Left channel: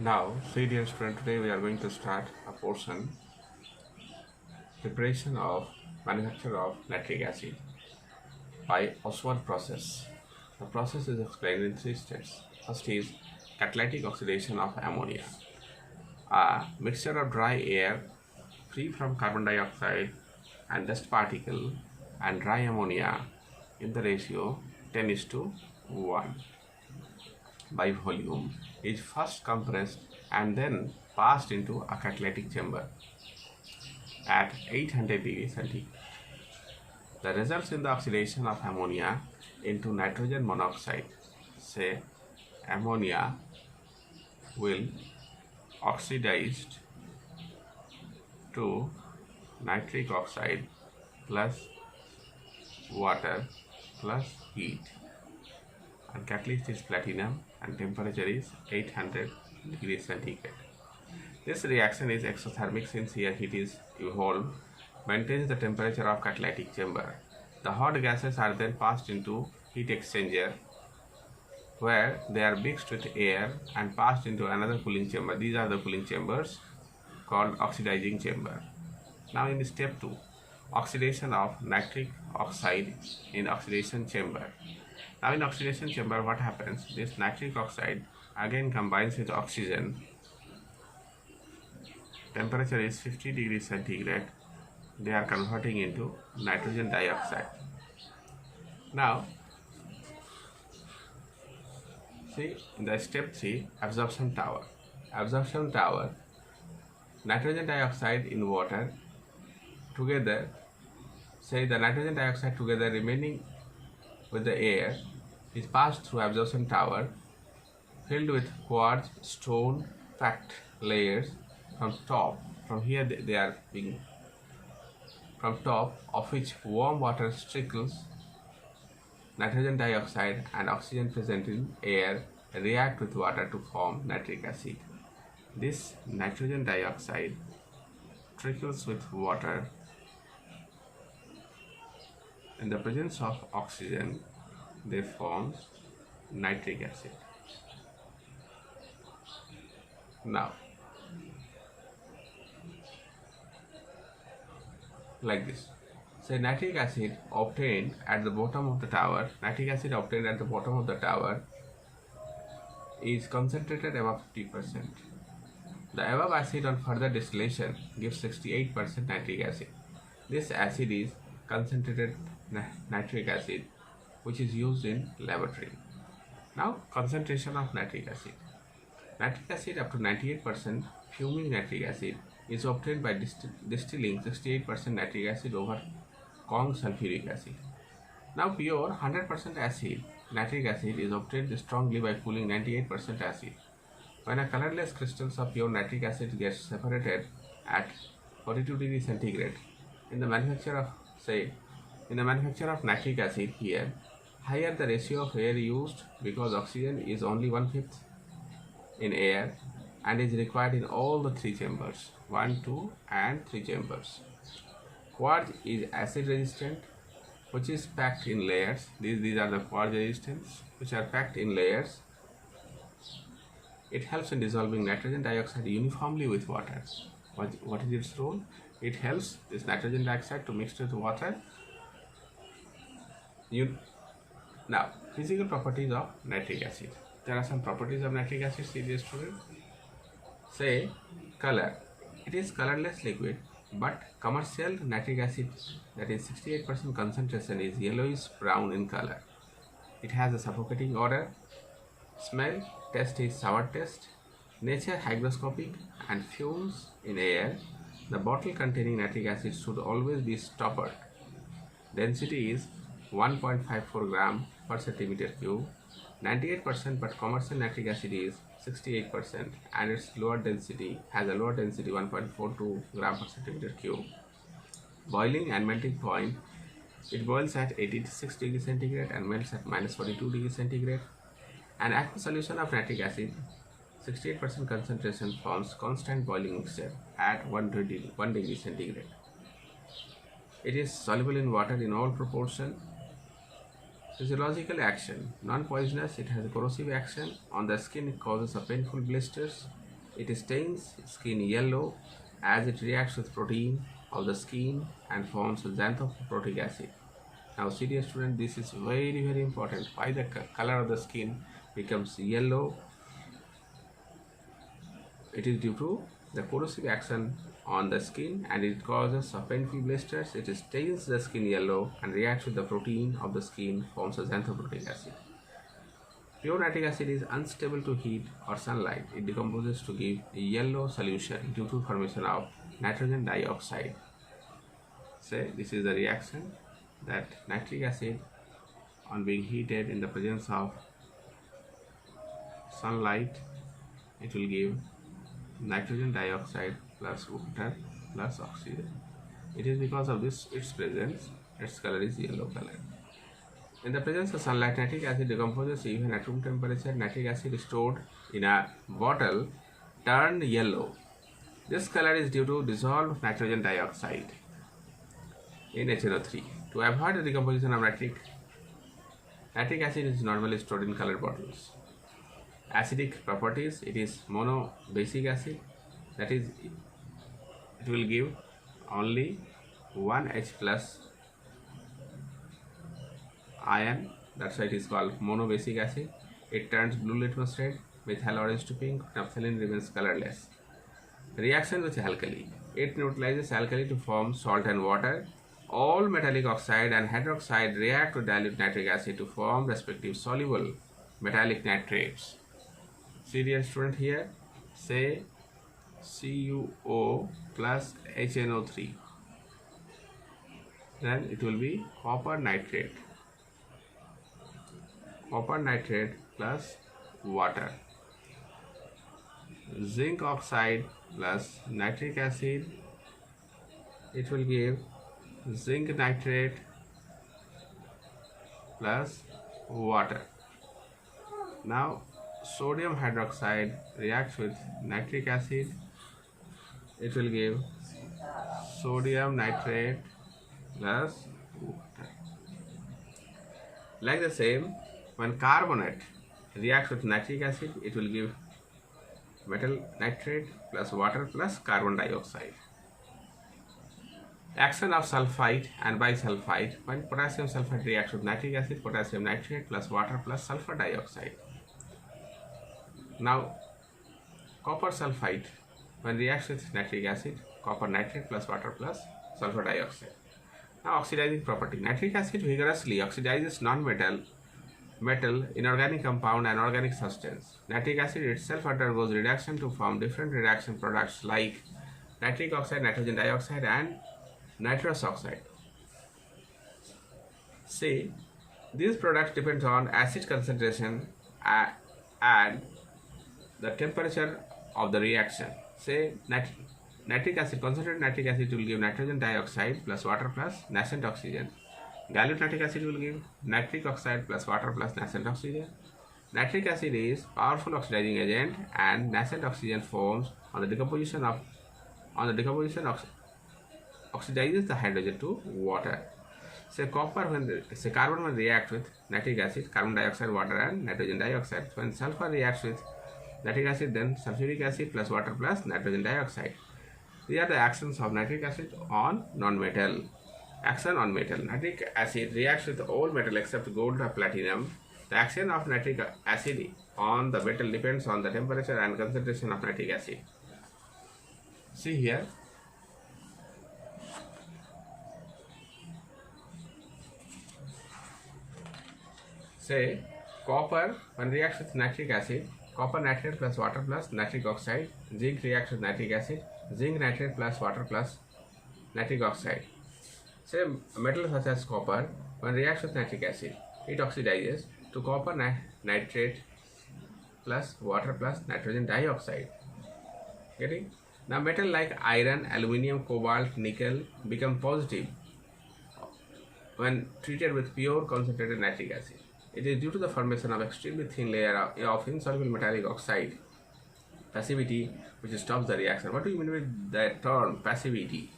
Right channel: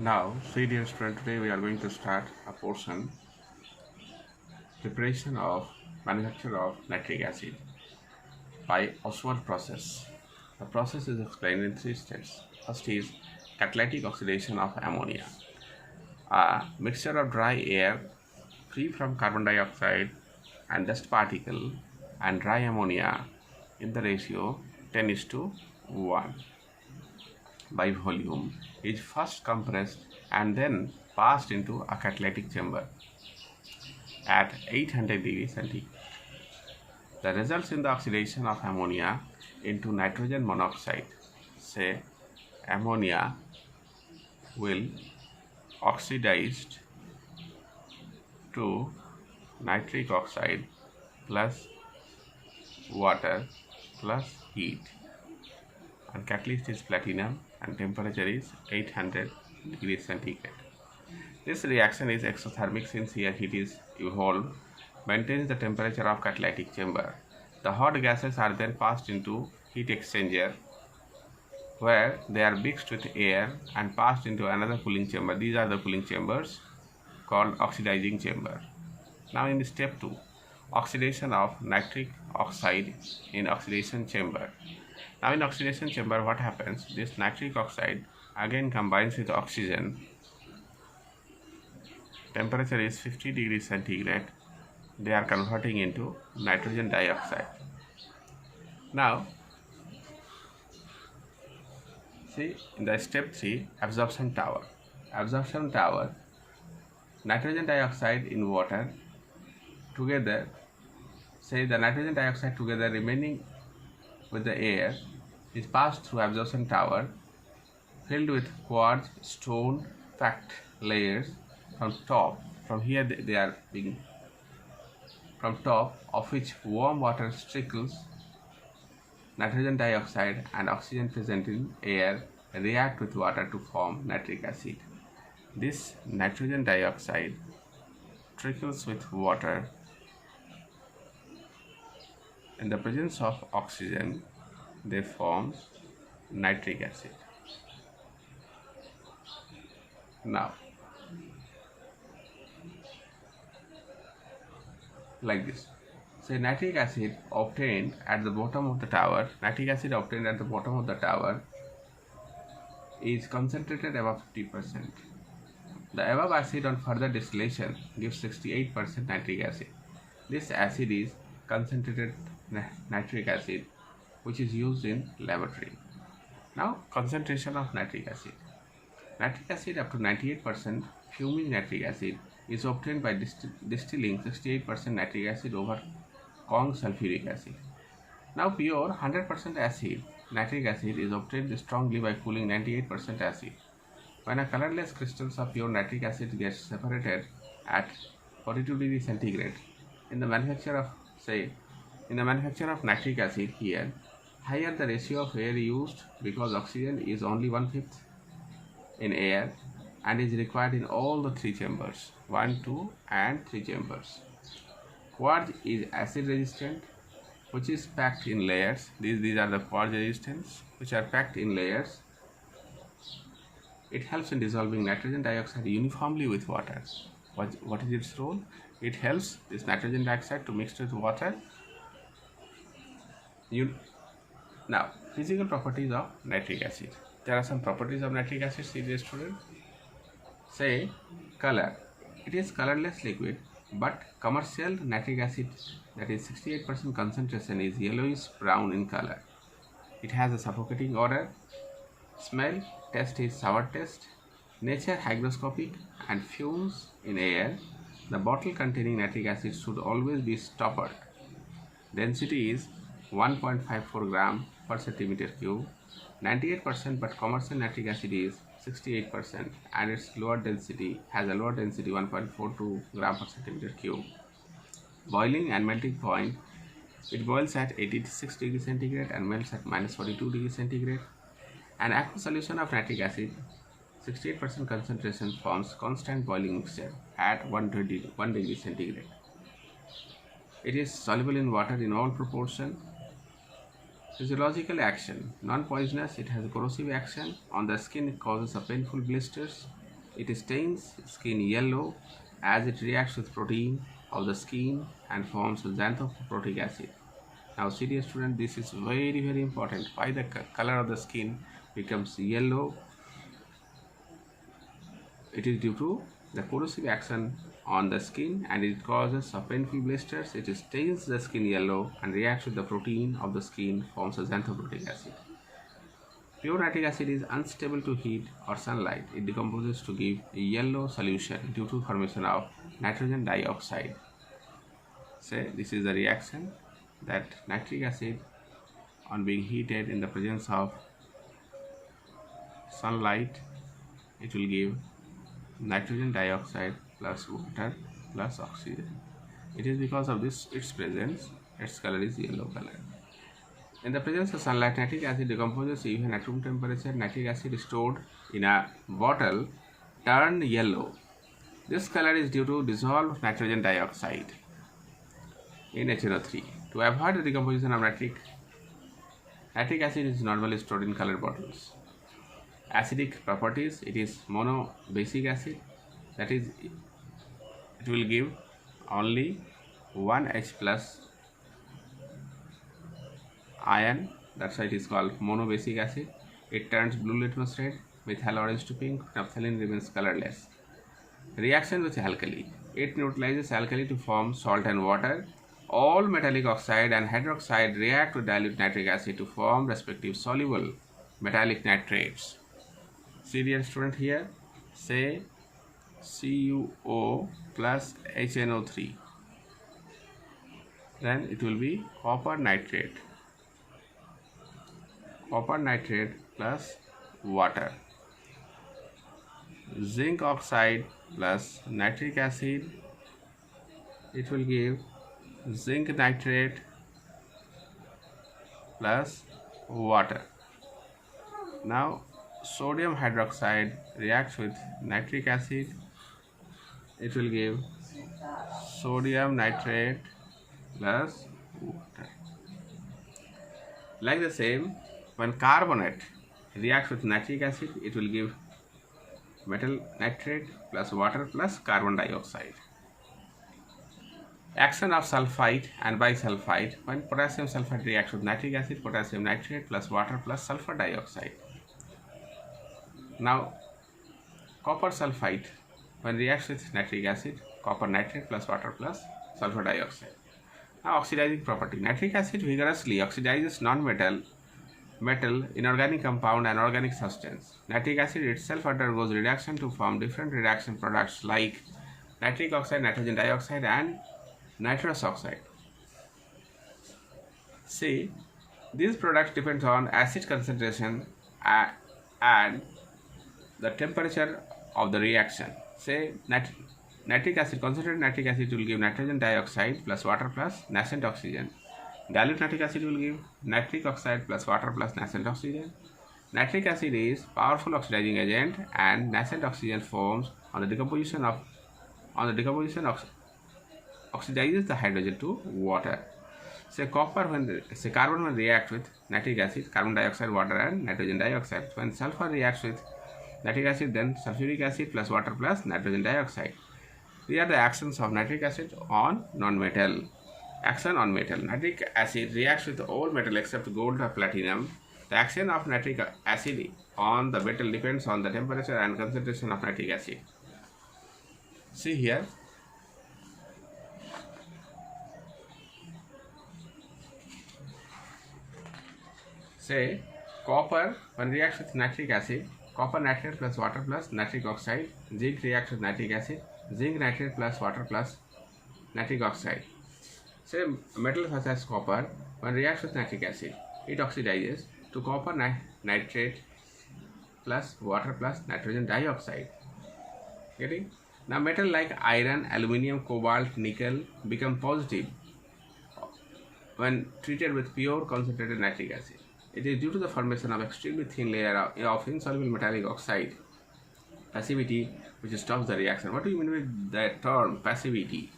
Now, see dear student, today we are going to start a portion preparation of manufacture of nitric acid by Oswald process. The process is explained in three steps. First is catalytic oxidation of ammonia. A mixture of dry air free from carbon dioxide and dust particle and dry ammonia in the ratio 10 is to 1 by volume is first compressed and then passed into a catalytic chamber at 800 degrees centigrade. The results in the oxidation of ammonia into nitrogen monoxide. Say ammonia will oxidized to nitric oxide plus water plus heat, and catalyst is platinum and temperature is 800 degrees centigrade. This reaction is exothermic since here heat is evolved, maintains the temperature of catalytic chamber. The hot gases are then passed into heat exchanger where they are mixed with air and passed into another cooling chamber. These are the cooling chambers called oxidizing chamber. Now in step 2, oxidation of nitric oxide in oxidation chamber. Now in oxidation chamber what happens? This nitric oxide again combines with oxygen. Temperature is 50 degrees centigrade. They are converting into nitrogen dioxide. Now see in the step 3, absorption tower. Absorption tower, nitrogen dioxide in water together, say the nitrogen dioxide together remaining with the air is passed through absorption tower filled with quartz stone packed layers from top. From here they are being from top of which warm water trickles. Nitrogen dioxide and oxygen present in air react with water to form nitric acid. This nitrogen dioxide trickles with water in the presence of oxygen. They form nitric acid. Now like this, say nitric acid obtained at the bottom of the tower, is concentrated above 50%. The above acid on further distillation gives 68% nitric acid. This acid is concentrated nitric acid which is used in laboratory. Now concentration of nitric acid. Nitric acid up to 98% fuming nitric acid is obtained by distilling 68% nitric acid over Kong sulfuric acid. Now pure 100% acid nitric acid is obtained strongly by cooling 98% acid. When a colorless crystals of pure nitric acid gets separated at 42 degrees centigrade in the manufacture of nitric acid, here higher the ratio of air used because oxygen is only 1/5 in air and is required in all the three chambers, 1, 2 and 3 chambers. Quartz is acid resistant which is packed in layers. These are the quartz resistance which are packed in layers. It helps in dissolving nitrogen dioxide uniformly with water. What is its role? It helps this nitrogen dioxide to mix with water. Now, physical properties of nitric acid. There are some properties of nitric acid, serious student. Say color. It is colorless liquid, but commercial nitric acid, that is 68% concentration, is yellowish brown in color. It has a suffocating odor. Smell, taste is sour taste. Nature hygroscopic and fumes in air. The bottle containing nitric acid should always be stoppered. Density is 1.54 gram per centimeter cube. 98%, but commercial nitric acid is 68% and its lower density has a lower density 1.42 gram per centimeter cube. Boiling and melting point, it boils at 86 degrees centigrade and melts at minus 42 degrees centigrade. An aqueous solution of nitric acid 68% concentration forms constant boiling mixture at 1 degree centigrade. It is soluble in water in all proportion. Physiological action. Non-poisonous, it has a corrosive action. On the skin, it causes a painful blisters. it stains skin yellow as it reacts with protein of the skin and forms xanthoprotic acid. Now, serious student, this is very important. Why the color of the skin becomes yellow? It is due to the corrosive action on the skin and it causes painful blisters. It stains the skin yellow and reacts with the protein of the skin, forms a xanthoprotic acid. Pure nitric acid is unstable to heat or sunlight. It decomposes to give a yellow solution due to formation of nitrogen dioxide. So this is the reaction that nitric acid on being heated in the presence of sunlight, it will give nitrogen dioxide plus water plus oxygen. It is because of this its presence, its color is yellow color. In the presence of sunlight, nitric acid decomposes even at room temperature. Nitric acid stored in a bottle turned yellow. This color is due to dissolved nitrogen dioxide in HNO3. To avoid the decomposition of nitric acid is normally stored in colored bottles. Acidic properties, it is monobasic acid, that is, it will give only 1H plus ion, that's why it is called monobasic acid. It turns blue litmus red, methyl orange to pink, naphthalene remains colorless. Reaction with alkali, it neutralizes alkali to form salt and water. All metallic oxide and hydroxide react to dilute nitric acid to form respective soluble metallic nitrates. Serial student here, say CuO plus HNO3. Then it will be copper nitrate. Copper nitrate plus water. Zinc oxide plus nitric acid. It will give zinc nitrate plus water. Now sodium hydroxide reacts with nitric acid. It will give sodium nitrate plus water. Like the same, when carbonate reacts with nitric acid, it will give metal nitrate plus water plus carbon dioxide. Action of sulfite and bisulfite. When potassium sulfite reacts with nitric acid, potassium nitrate plus water plus sulfur dioxide. Now copper sulfite, when reacts with nitric acid, copper nitrate plus water plus sulfur dioxide. Now oxidizing property. Nitric acid vigorously oxidizes non-metal, inorganic compound and organic substance. Nitric acid itself undergoes reduction to form different reduction products like nitric oxide, nitrogen dioxide and nitrous oxide. See, these products depend on acid concentration and the temperature of the reaction. Say nitric acid, concentrated nitric acid will give nitrogen dioxide plus water plus nascent oxygen. Dilute nitric acid will give nitric oxide plus water plus nascent oxygen. Nitric acid is powerful oxidizing agent and nascent oxygen forms on the decomposition oxidizes the hydrogen to water. Say carbon when reacts with nitric acid, carbon dioxide, water and nitrogen dioxide. When sulfur reacts with nitric acid, then sulfuric acid plus water plus nitrogen dioxide. These are the actions of nitric acid on non-metal. Action on metal. Nitric acid reacts with all metal except gold or platinum. The action of nitric acid on the metal depends on the temperature and concentration of nitric acid. See here. Say copper when reacts with nitric acid, copper nitrate plus water plus nitric oxide. Zinc reacts with nitric acid, zinc nitrate plus water plus nitric oxide. Say metal such as copper when reacts with nitric acid, it oxidizes to copper nitrate plus water plus nitrogen dioxide. Getting? Now metal like iron, aluminium, cobalt, nickel become positive when treated with pure concentrated nitric acid. It is due to the formation of extremely thin layer of insoluble metallic oxide, passivity, which stops the reaction. What do you mean with the term passivity?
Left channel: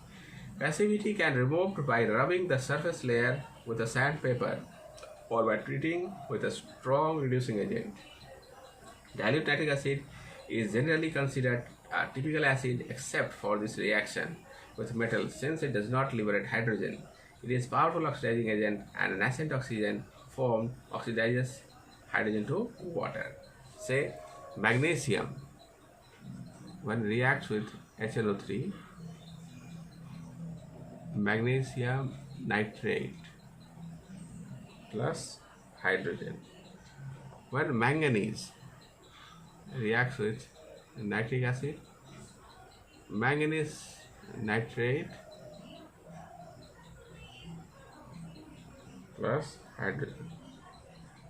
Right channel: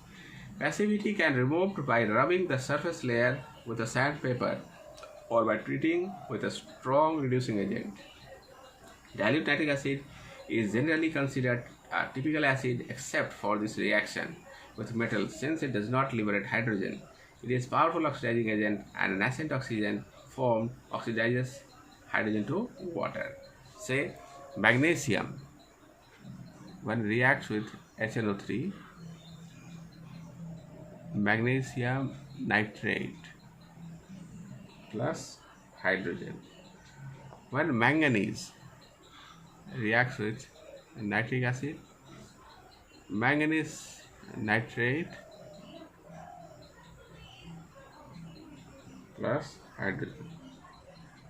Passivity can be removed by rubbing the surface layer with a sandpaper or by treating with a strong reducing agent. Dilute nitric acid is generally considered a typical acid except for this reaction with metal since it does not liberate hydrogen. It is a powerful oxidizing agent and an nascent oxygen formed oxidizes hydrogen to water. Say magnesium when reacts with HNO3, magnesium nitrate plus hydrogen. When manganese reacts with nitric acid, manganese nitrate plus hydrogen.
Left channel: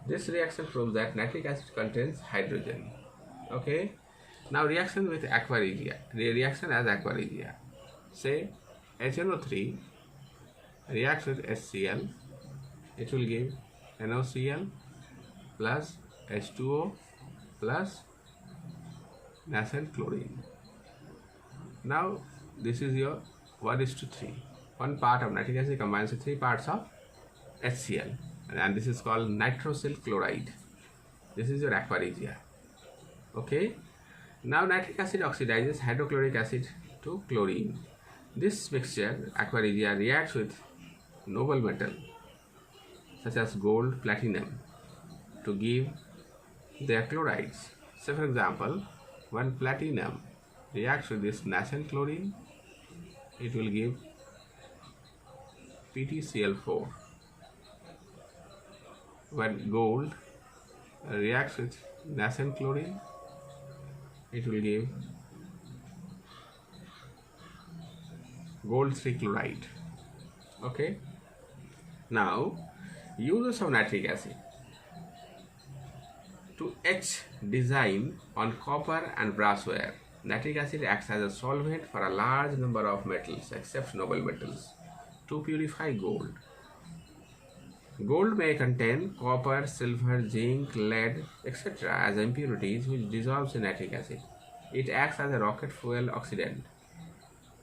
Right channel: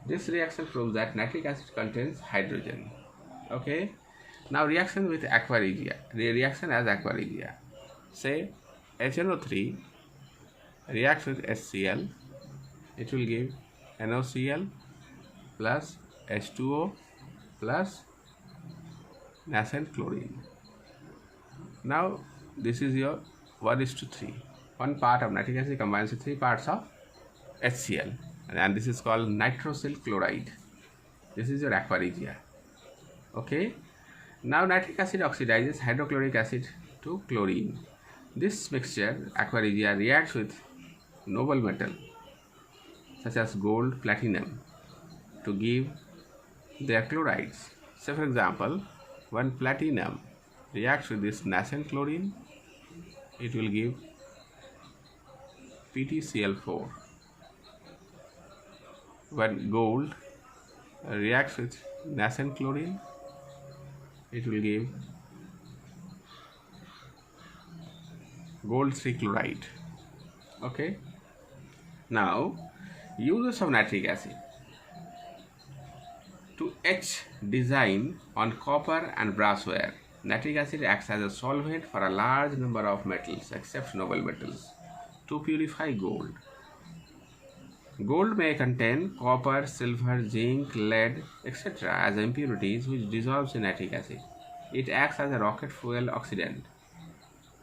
This reaction proves that nitric acid contains hydrogen. Okay. Now reaction with aqua regia. The reaction as aqua regia. Say HNO3 reacts with HCl. It will give NaCl plus H2O plus nascent chlorine. Now this is your 1:3. One part of nitric acid combines with 3 parts of HCl, and this is called nitrosyl chloride. This is your aqua regia. Okay. Now nitric acid oxidizes hydrochloric acid to chlorine. This mixture, aqua regia, reacts with noble metal such as gold, platinum to give their chlorides. Say for example, when platinum reacts with this nascent chlorine, it will give PtCl4. When gold reacts with nascent chlorine, it will give gold 3 chloride. Okay. Now uses of nitric acid to etch design on copper and brassware. Nitric acid acts as a solvent for a large number of metals except noble metals to purify gold. Gold may contain copper, silver, zinc, lead, etc. as impurities which dissolves in nitric acid. It acts as a rocket fuel oxidant.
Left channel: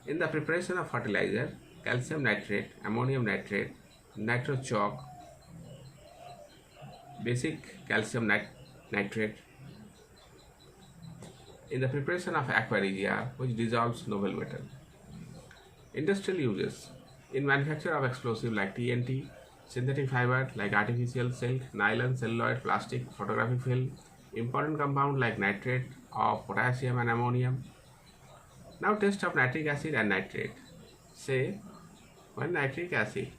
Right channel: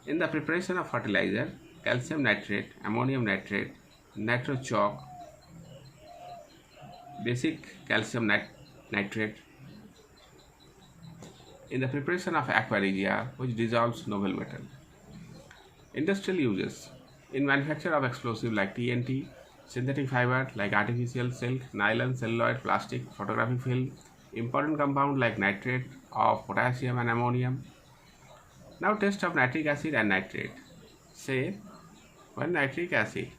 In the preparation of fertilizer, calcium nitrate, ammonium nitrate, nitro chalk, basic calcium nitrate. In the preparation of aqua regia, which dissolves noble metal. Industrial uses. In manufacture of explosive like TNT, synthetic fiber like artificial silk, nylon, celluloid, plastic, photographic film, important compound like nitrate of potassium and ammonium. Now test of nitric acid and nitrate. Say when nitric acid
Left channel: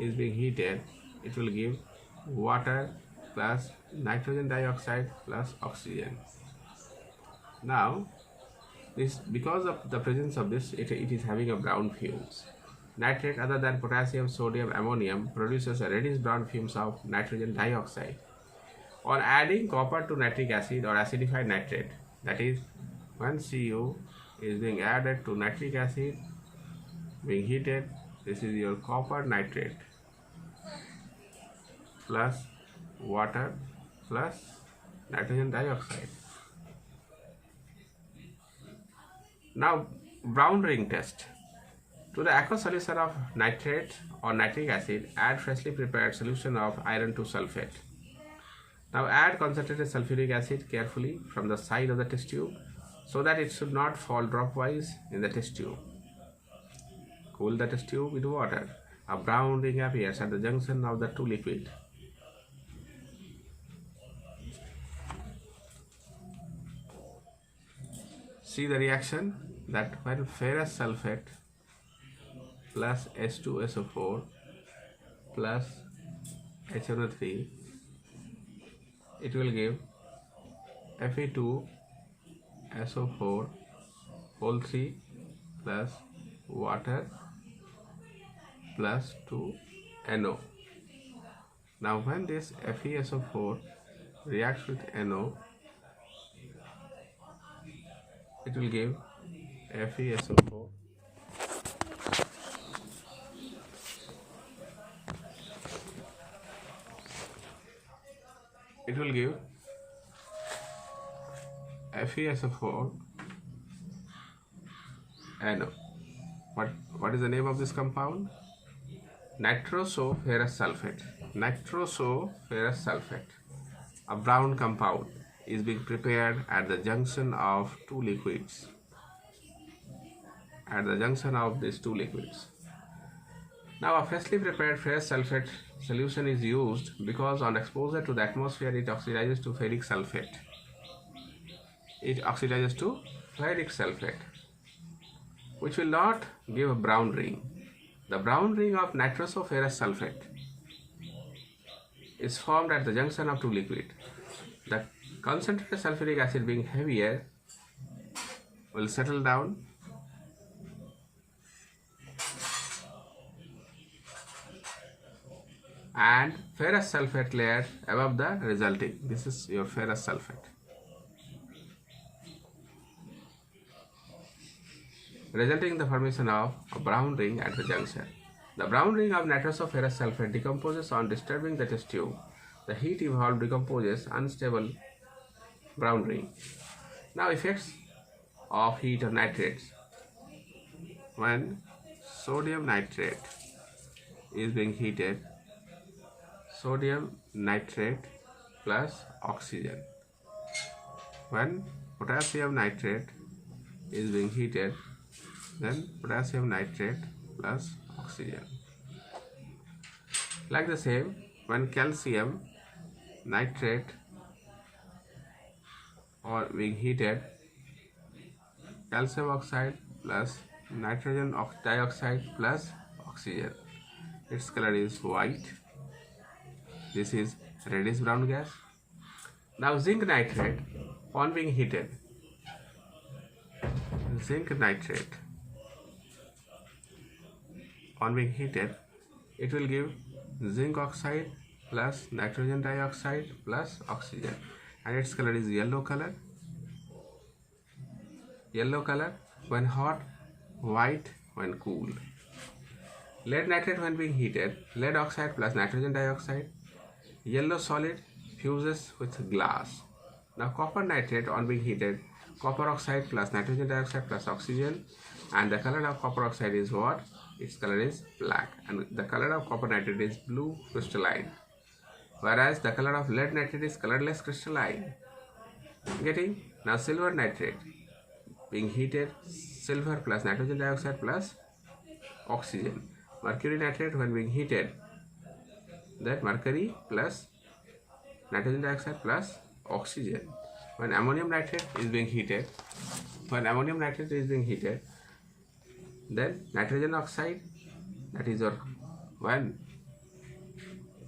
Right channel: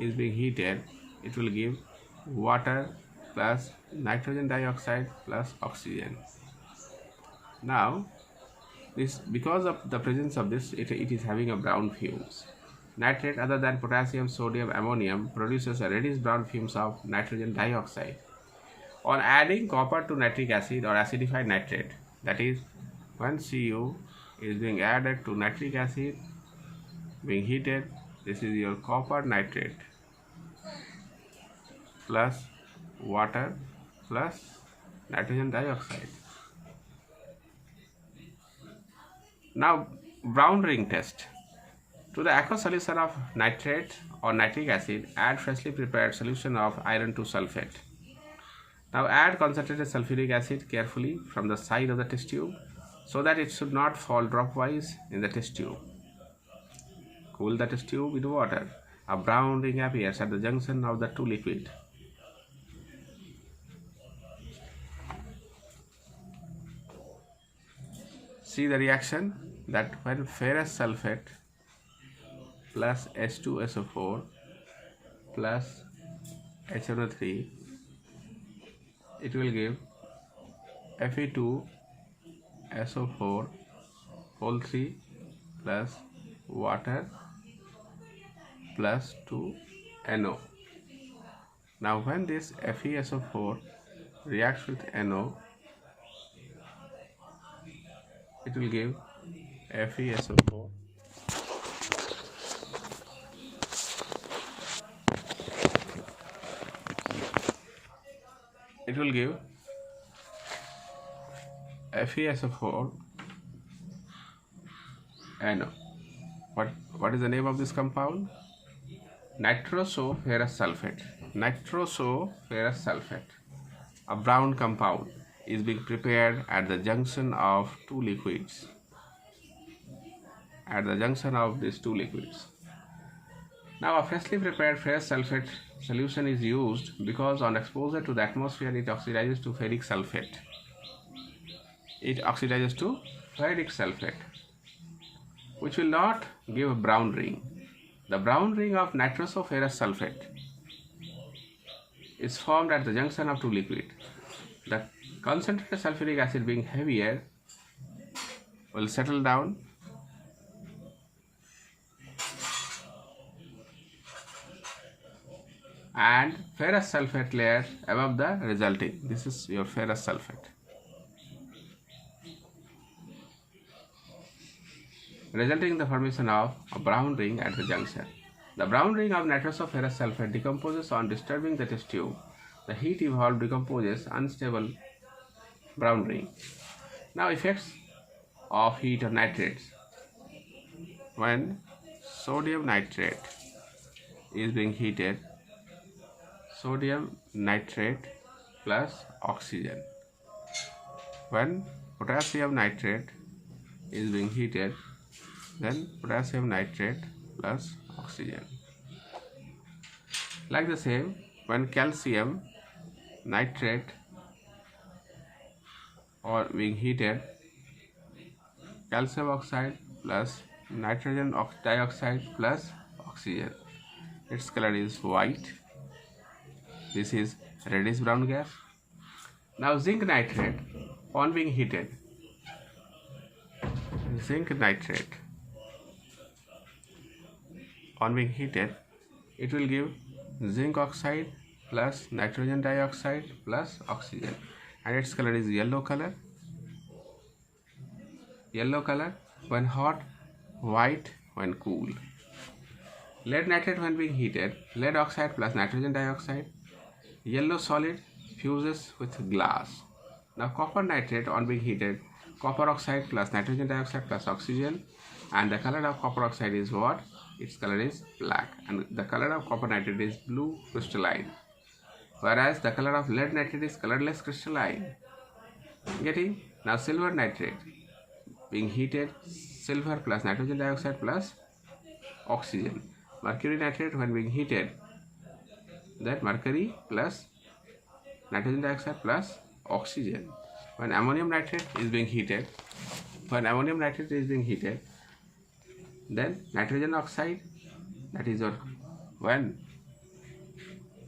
is being heated, it will give water plus nitrogen dioxide plus oxygen. Now this, because of the presence of this, it is having a brown fumes. Nitrate other than potassium, sodium, ammonium produces a reddish brown fumes of nitrogen dioxide. On adding copper to nitric acid or acidified nitrate, that is when Cu is being added to nitric acid being heated, this is your copper nitrate plus water plus nitrogen dioxide. Now brown ring test. To the aqueous solution of nitrate or nitric acid, add freshly prepared solution of iron 2 sulfate. Now add concentrated sulfuric acid carefully from the side of the test tube so that it should not fall dropwise in the test tube. Cool the test tube with water. A brown ring appears at the junction of the two liquids. See the reaction that when ferrous sulfate plus H2SO4 plus HNO3, it will give Fe2SO4 whole 3 plus water plus 2NO. Now when this FeSO4 reacts with NO, it will give FeSO4 it will give FeSO4 NO. What is the name of this compound? Nitrosoferrous sulfate. Nitrosoferrous sulfate, a brown compound. is being prepared at the junction of two liquids. At the junction of these two liquids. Now, a freshly prepared ferrous sulfate solution is used because on exposure to the atmosphere it oxidizes to ferric sulfate. It oxidizes to ferric sulfate, which will not give a brown ring. The brown ring of nitrosoferrous sulfate is formed at the junction of two liquids. The concentrated sulfuric acid being heavier will settle down and ferrous sulfate layer above the resulting. This is your ferrous sulfate. Resulting in the formation of a brown ring at the junction. The brown ring of nitrosoferrous sulfate decomposes on disturbing the test tube. The heat evolved decomposes unstable brown ring. Now, effects of heat of nitrates. When sodium nitrate is being heated, sodium nitrate plus oxygen. When potassium nitrate is being heated, then potassium nitrate plus oxygen. Like the same, when calcium nitrate or being heated, calcium oxide plus nitrogen dioxide plus oxygen. Its color is white. This is reddish brown gas. Now zinc nitrate on being heated. Zinc nitrate on being heated, it will give zinc oxide plus nitrogen dioxide plus oxygen, and its color is yellow color. Yellow color when hot, white when cool. Lead nitrate when being heated, lead oxide plus nitrogen dioxide, yellow solid fuses with glass. Now copper nitrate on being heated, copper oxide plus nitrogen dioxide plus oxygen, and the color of copper oxide is what? Its color is black, and the color of copper nitrate is blue crystalline, whereas the color of lead nitrate is colorless crystalline. Getting? Now silver nitrate being heated, silver plus nitrogen dioxide plus oxygen. Mercury nitrate when being heated, that mercury plus nitrogen dioxide plus oxygen. When ammonium nitrate is being heated, then nitrogen oxide, that is when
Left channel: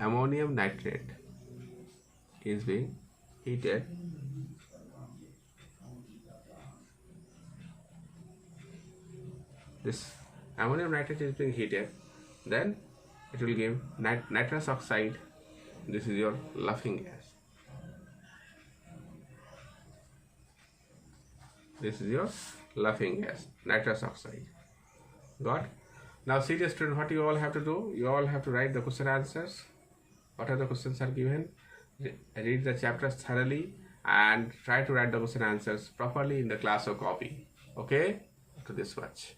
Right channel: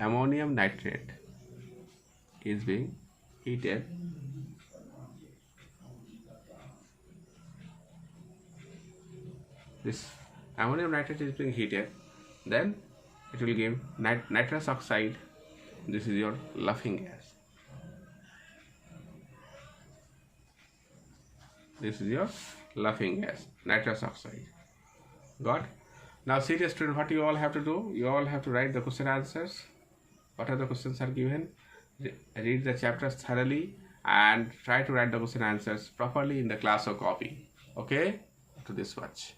ammonium nitrate is being heated, this ammonium nitrate is being heated, then it will give nitrous oxide. This is your laughing gas. This is your laughing gas, nitrous oxide. Got? Now, serious student, what you all have to do? You all have to write the question answers. What are the questions are given? Read the chapters thoroughly and try to write the question answers properly in the class or copy. Okay? After this, watch.